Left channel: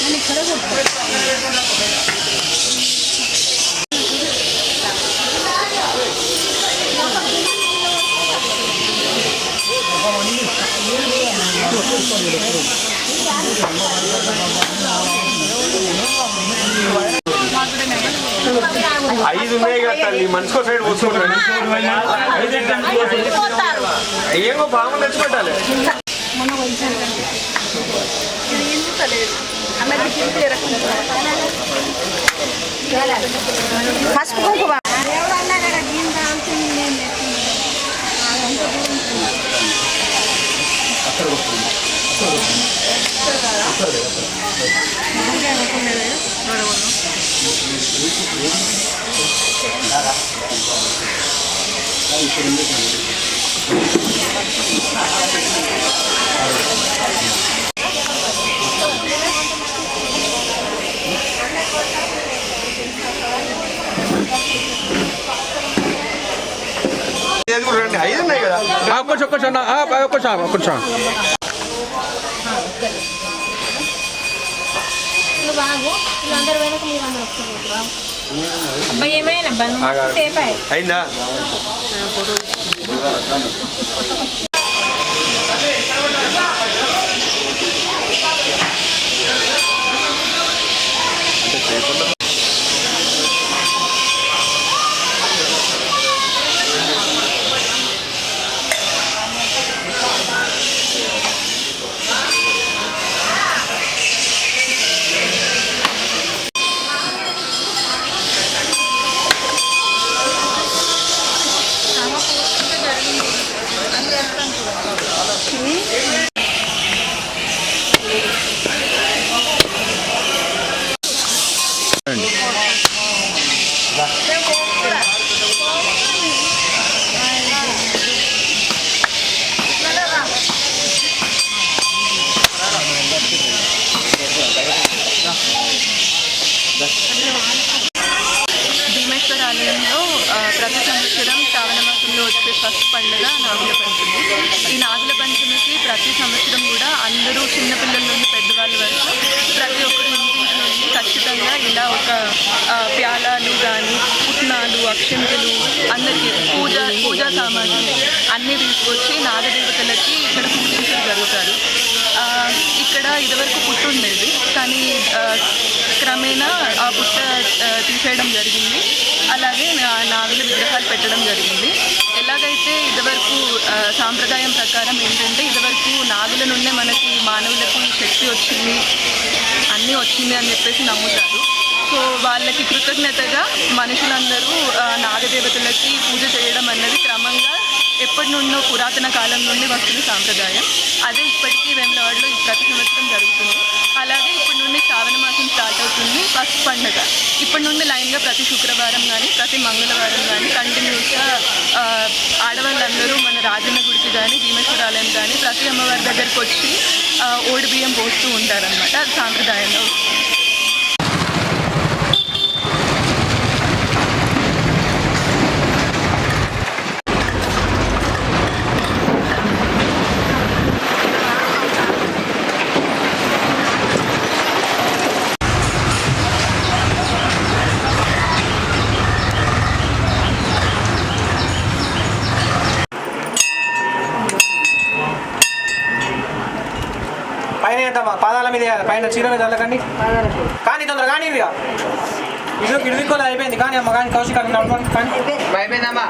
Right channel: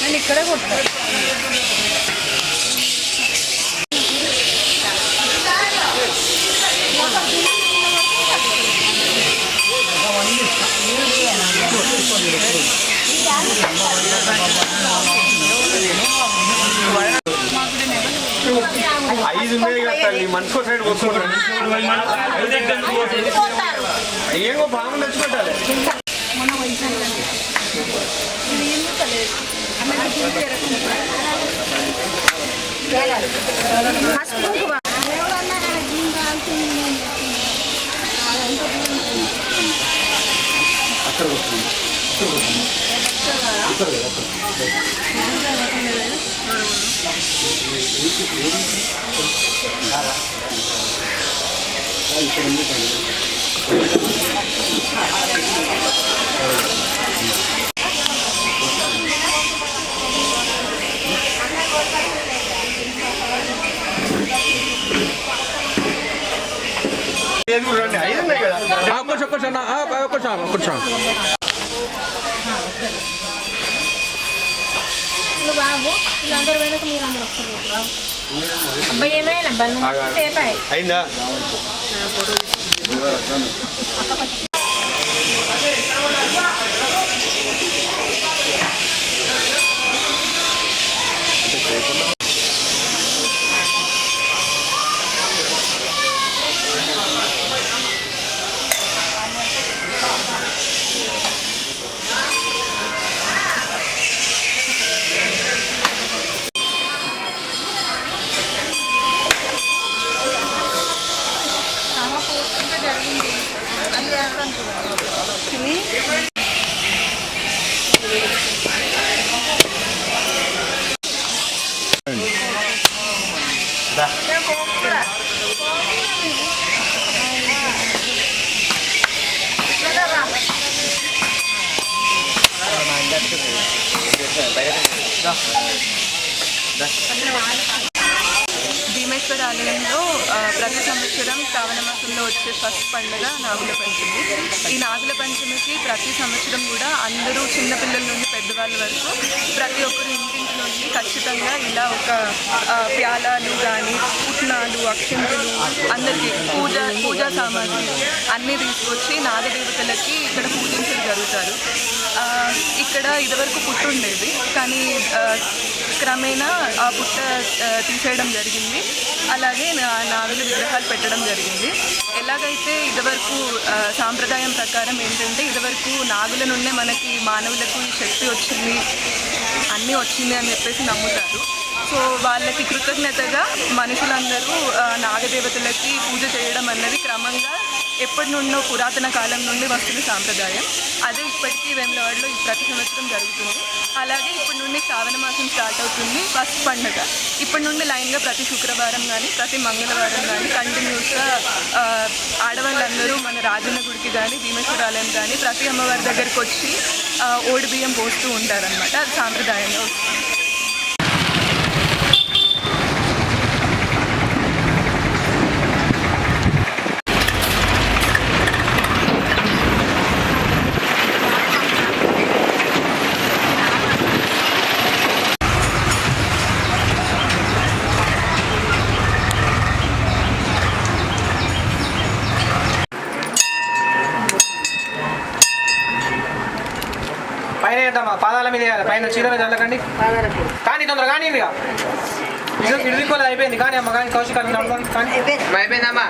నేను ఇక్కడే కొట్టాను. ఐదు మనిషికో సైడ్ పోసుకుంటారు. ఏమో బాగా తెచ్చుకుంటాలి. బాబు వీళ్ళందరూ వెనక మీరు అందరూ వస్తున్నారు. అబ్బాయి ఏమైనా అబ్బాయి సేపు అయిందా? భీమేశ్వర ఆలయంలో ప్రతి సంవత్సరం శ్రావణ మాసంలో వచ్చే ఫస్ట్ పండుగ నాగుల పంచమి. ఈ నాగుల పంచమికి ప్రతి సంవత్సరం కూడా అందరూ చిన్నపిల్లల నుండి పెద్దవాళ్ళ వరకు ప్రతి ఒక్కరు ఇంటింటి నుండి ఖచ్చితంగా ఇలా ఒక ప్యాలాలు కానీ పుట్నాలు అక్షంతలు అందరికీ పూజా సామాగ్రి అన్నీ తీసుకొచ్చి నాగదేవతలకి ఇక్కడ పూజించడం జరుగుతారు. ఇక్కడ ఇదివరకు పుట్టు ఉండేది, కానీ క్రమేణా ఆ పుట్ట తీసేయడం జరిగింది. అలాగే నాగుల విగ్రహాలు పెట్టడం జరిగింది. ఎలాగైతే ఇదివరకు సాంప్రదాయం ప్రకారం ఏంటంటే ఇదివరకు నాగుల నుండే మనకి మానవులకు ఈ శక్తి వచ్చింది, అన్నీ వచ్చింది అని చెప్పేసి నమ్ముతారు. సో వాళ్ళకి కృతజ్ఞతగా మనుషులందరూ నాగదేవతలకి పూజ చేయడం అన్నది క్రమంగా ఎప్పటి నుండో పురాతన కాలం నుండి వస్తున్న సాంప్రదాయం. అదే ఇప్పటికీ వేములవాడలో ప్రతి సంవత్సరం జరుగుతుంది. అలాగే ఇప్పటి నుండి శ్రావణ మాసం స్టార్ట్ అవుతుంది ఫస్ట్ పండుగ. ఇప్పటి నుండి లైన్గా ప్రతి శుక్రవారం కానీ ప్రతి మంగళవారం కానీ కంటిన్యూస్గా ఆడవాళ్ళందరూ మన రాజన్న గుడికి కానీ భీమేశ్వరాలయం కానీ ప్రతి అమ్మవారి దగ్గరికి వచ్చి ఓడి బియ్యం పోస్తూ ఉంటారనమాట. అది సాంప్రదాయంలో. పైన పాదాల మీద పైన చీర మీద చల్లకండి. కానీ తొందరగా కానీ ఇక ఇరుదికోలేదు అయిపోయింది కానీ అమ్మ కానీ కౌశిక్ కానీ అయిపోయిందమ్మా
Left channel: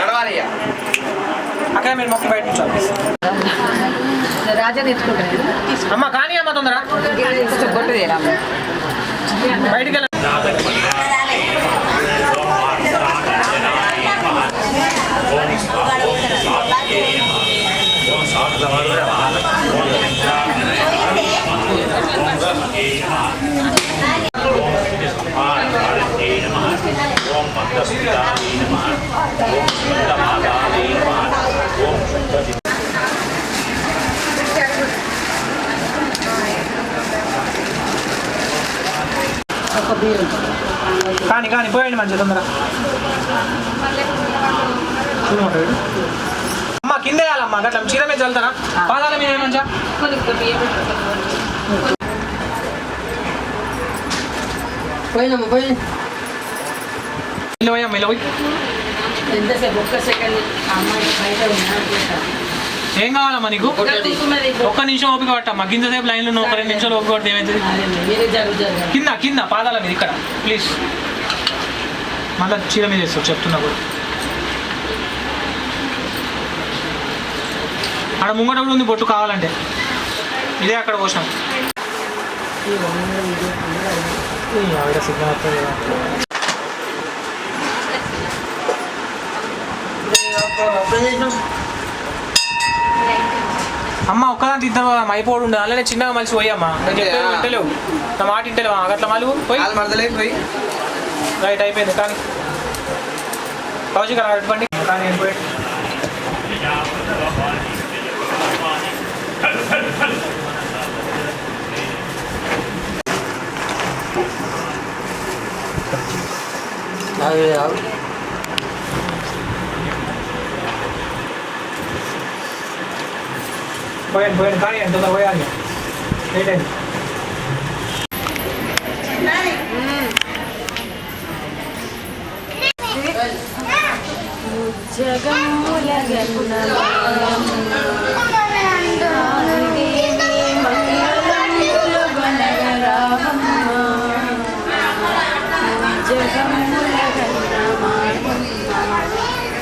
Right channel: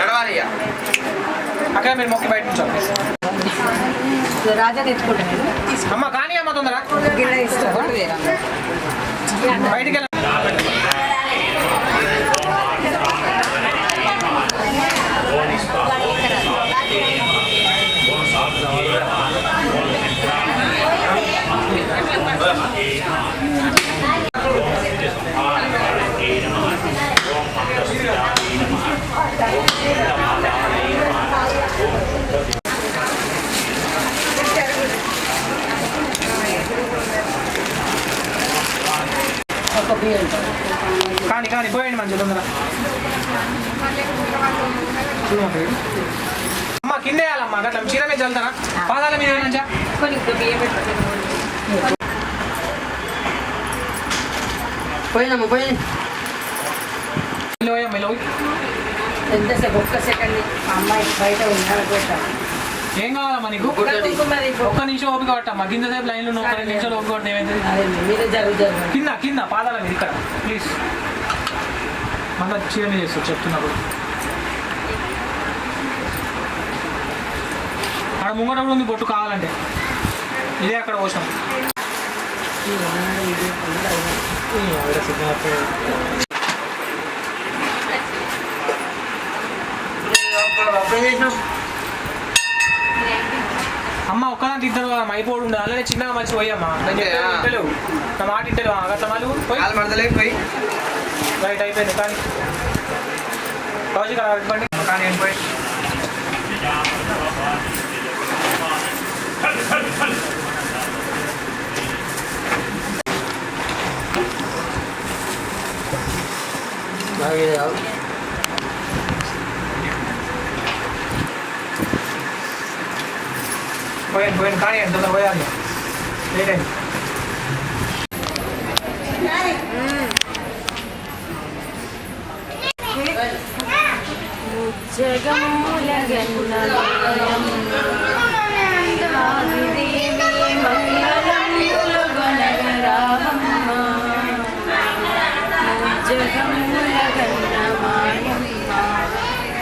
నడవాలి ఇక అక్కడ మీరు మొక్కి బయట నుంచి రాజా తెచ్చుకుంటాను అమ్మ కానీ అమ్మ తొందర బయటికి వెళ్ళండి కానీ కానీ పోయండి మంచిగా తొందర అమ్మ కింద వేయాలమ్మా అట్లా చీర మీద చల్లుతారా పాదాల మీద ఏమంచా పోయినమ్మా పోయి ఎంతసేపు ఒక్క సెకండ్ అమ్మాయి బయట ఉన్నాడు ఏం కావాలమ్మా నీకు ఒక్క నిమిషం ఓపిక పట్టమ్మా కింద సేపు లైన్లో ఒక 2 నిమిషాలు ఓపిక పడితే ఏమైతుంది కింద కింద పాదాల మీద ఇక్కడ ప్లీజ్ మళ్ళీ చీర మీద వేస్తావు చెప్తున్నా కూడా అక్కడ ముంగట ఉంది బొట్టు కావాలంటే ఇదే అక్కడ పోసినాం అమ్మ ఒక్కదాంటి ఇద్దరు అయిపోడు ఉండదు అలానే చిన్నగా మనిషి పోయమ్మా ఇంటలేవు నా మాట ఇంటలేవు అట్లా మళ్ళీ పోయి రైట్ అయిపోయింది కానీ కౌశిక్ అలా ఇవ్వండి కానీ అయిపోయి పోయాను కానీ ఎంత పోయాలి లేదండి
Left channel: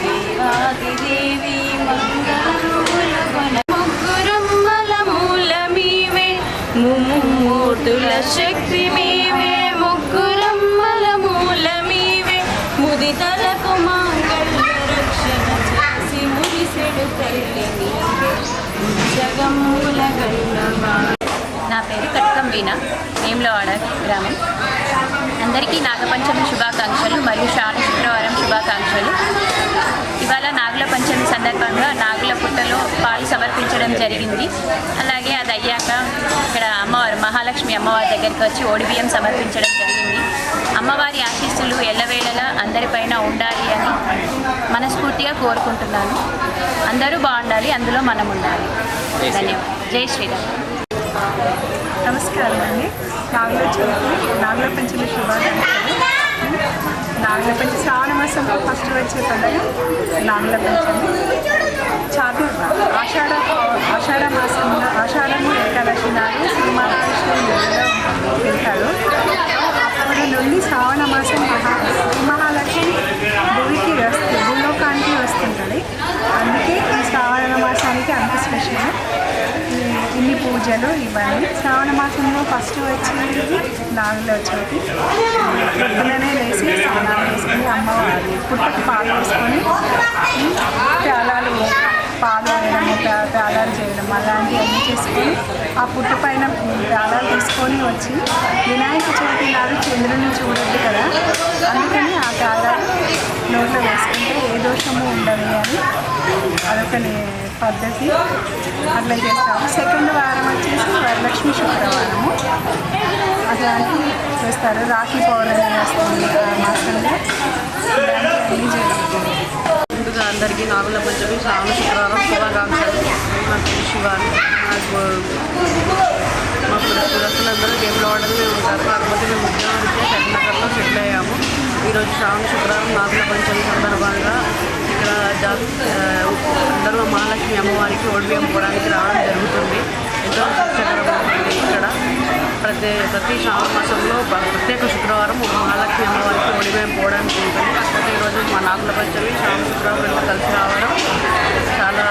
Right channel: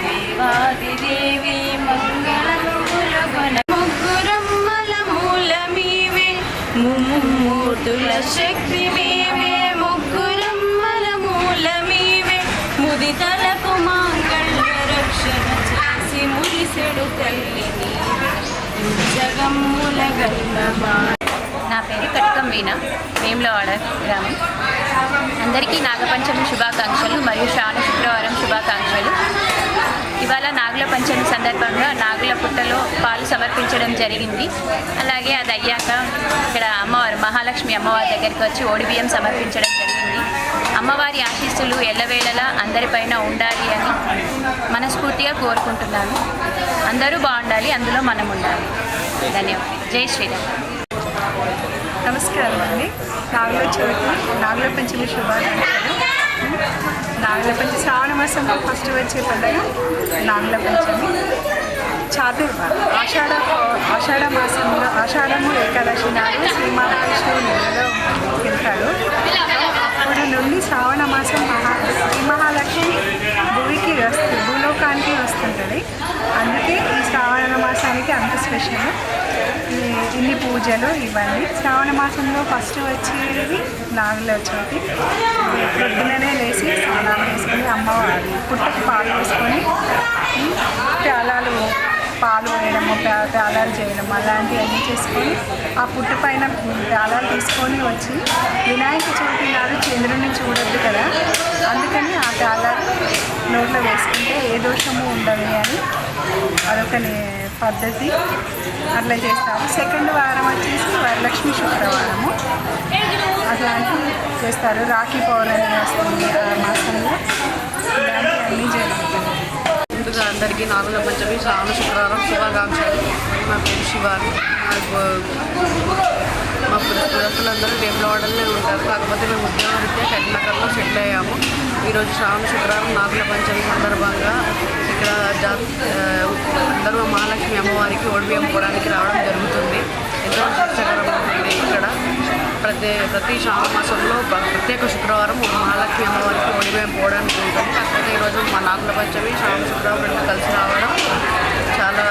దేవాదిదేవి మంగళములగన ముగ్గురమ్మల మూలమీవే ముమ్మూర్తుల శక్తి మీవే ముగ్గురమ్మల మూలమీవే ముదితలకు మాంగళ్య రక్షణ చేసి మురిసెడు తల్లి నీవే జగమ్ముల గన్నమా. నా పేరు కటకం వీణ, వేములవాడ గ్రామం. అందరికీ నాగపంచమి శుభాకాంక్షలు మరియు శ్రావణ శుక్రవారం శుభాకాంక్షలు. ఇవాళ నాగుల పంచమి సందర్భంగా నాగుల పుట్టలో పాలు సమర్పించడం జరిగింది. అలాగే అది అయ్యాక ఇక్కడ అమ్మవారు మహాలక్ష్మి అమ్మవారి దగ్గరికి వచ్చి ఓడిబియ్యం సమర్పించడం జరిగింది. అమ్మవారి ఆశీస్సులు ఎల్లవేళలా అందరిపైన ఉండాలి అని మనస్ఫూర్తిగా కోరుకుంటున్నాను. అందరూ బాగుండాలి, అందులో మనం ఉండాలి. ధన్యవాదాలు. జై శ్రీరామ్. నమస్కారం అండి. నాగుల పంచమి శుభాకాంక్షలు. నాగుల పంచమి శ్రావణ మాసంలో ఫస్ట్ వచ్చే పండుగ నాగుల పంచమి. ఆషాఢ మాసంలో ఆషాఢము ఏకాదశి నాడు శ్రీ మహావిష్ణువు నెలలో వెళ్తాడు. అప్పటి నుండి శ్రావణ మాసం శ్రీ మహాలక్ష్మి భూలోకానికి వస్తుంటుంది. అందుకే ఈ శ్రావణ మాసానికి అంత స్పెషల్. ఇన్ని పూజలు ఇవన్నీ. శ్రావణ మాసంలో ఫస్ట్ వచ్చేది నాగుల చవితి. పొద్దుననే లేచి స్నానాలు వేసుకొని అమ్మవారి పుట్టకి పాలు వేసుకొని పాలు వేయడము ప్యాలాలు చేయడం అలాంటివన్నీ చేసుకొని ఆ పుట్ట పైన ప్యాలాలు తీసుకొని వచ్చి వినాయక చవితి నాడు చంద్రుడిని చూడొద్దు కదా, అందుకని ఆ ప్యాలాలు నోట్లో వేసుకుంటే ఏ దోషము ఉండదు అని అదొక పద్ధతి. అట్లా చేస్తారు. సెకండ్ వారం వచ్చేసి వరలక్ష్మి శుక్రవారము అట్లాంటివి చేస్తారు. రాఖీ పౌర్ణమి వస్తుంది ఆ మాసంలో. ఇలాంటివన్నీ జరుగుతుంది. ముందుగా అందరికీ నాగుల పంచమి శ్రావణ శుక్రవారం శుభాకాంక్షలు. నా పేరు శివాని. మా పురస్తులందరూ వేములవాడలోనే ఉంటారు. కాకపోతే మేము ఉద్యోగరీత్యా కరీంనగర్లో సెటిల్ అయ్యాము. ఈరోజు శ్రావణ శుక్రవారం నాగుల పంచమి సందర్భంగా ఇక్కడ ఇక్కడ అందరూ మహాలక్ష్మి అమ్మవారికి ఓడిబియ్యం పోవడానికి రావడం జరుగుతుంది. ఎంతో సంతోషకరంగా ఉంటుంది. ఇక్కడ ప్రతి శ్రావణ మాసంలో ప్రత్యేక శుక్రవారం మహాలక్ష్మి అమ్మవారికి ఓడిబియ్యం పోవడానికి ఉంటుంది. కాకపోతే ఈరోజు మా నాగుల పంచమి శ్రావణ శుక్రవారం కలిసి రావడం చాలా